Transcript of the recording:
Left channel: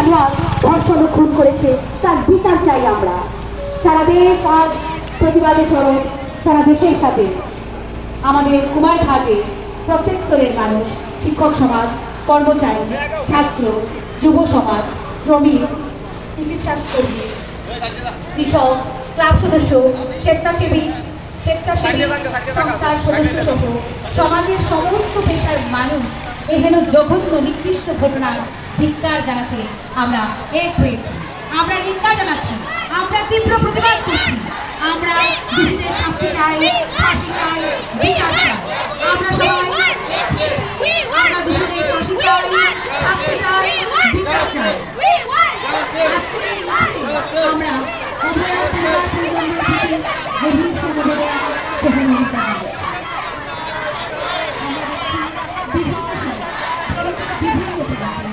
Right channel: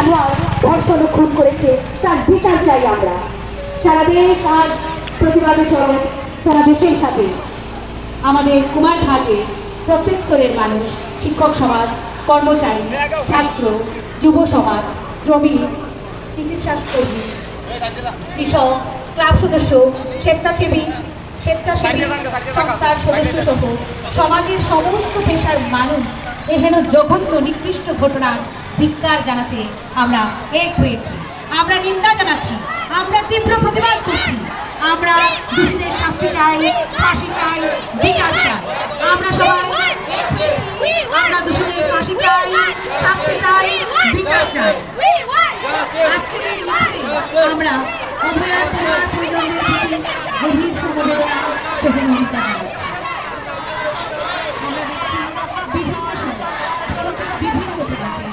জানোয়ার ধর্ষণ ও খুন করেছে তার বিচার চাই আমরা। সারা দেশ আজ প্রতিবাদে সরব, সারা দেশের সাথে আমাদের কুমারঘাটে প্রত্যেক স্তরের মানুষ, শিক্ষক সমাজ, কর্মচারী, ছাত্র, যুব সমাজ, শ্রমিক, চিকিৎসা কর্মী, কৃষক, ক্লাব সদস্য, স্বেচ্ছাসেবী সংস্থার সদস্য সহ সমাজের সমস্ত পেশার মানুষ এহেন জঘন্য নিকৃষ্ট ঘটনার ধিক্কার জানাতে আমরা এক হয়েছি। আমরা নিন্দা জানাচ্ছি, আমরা তীব্র প্রতিবাদ করছি। আমরা দোষীদের শাস্তি চাই, ফাঁসি চাই, বিচার চাই। আমরা সবাই দোষীদের ফাঁসি চাই, শাস্তি চাই, বিচার চাই। আজকের এই মিছিলে আমরা অভয়ার পরিবার পরিজনদের প্রতি গভীর সমবেদনা সহমর্মিতা জানাচ্ছি। আমরা দেখছি বিভিন্ন সময় বিভিন্ন অভিযানে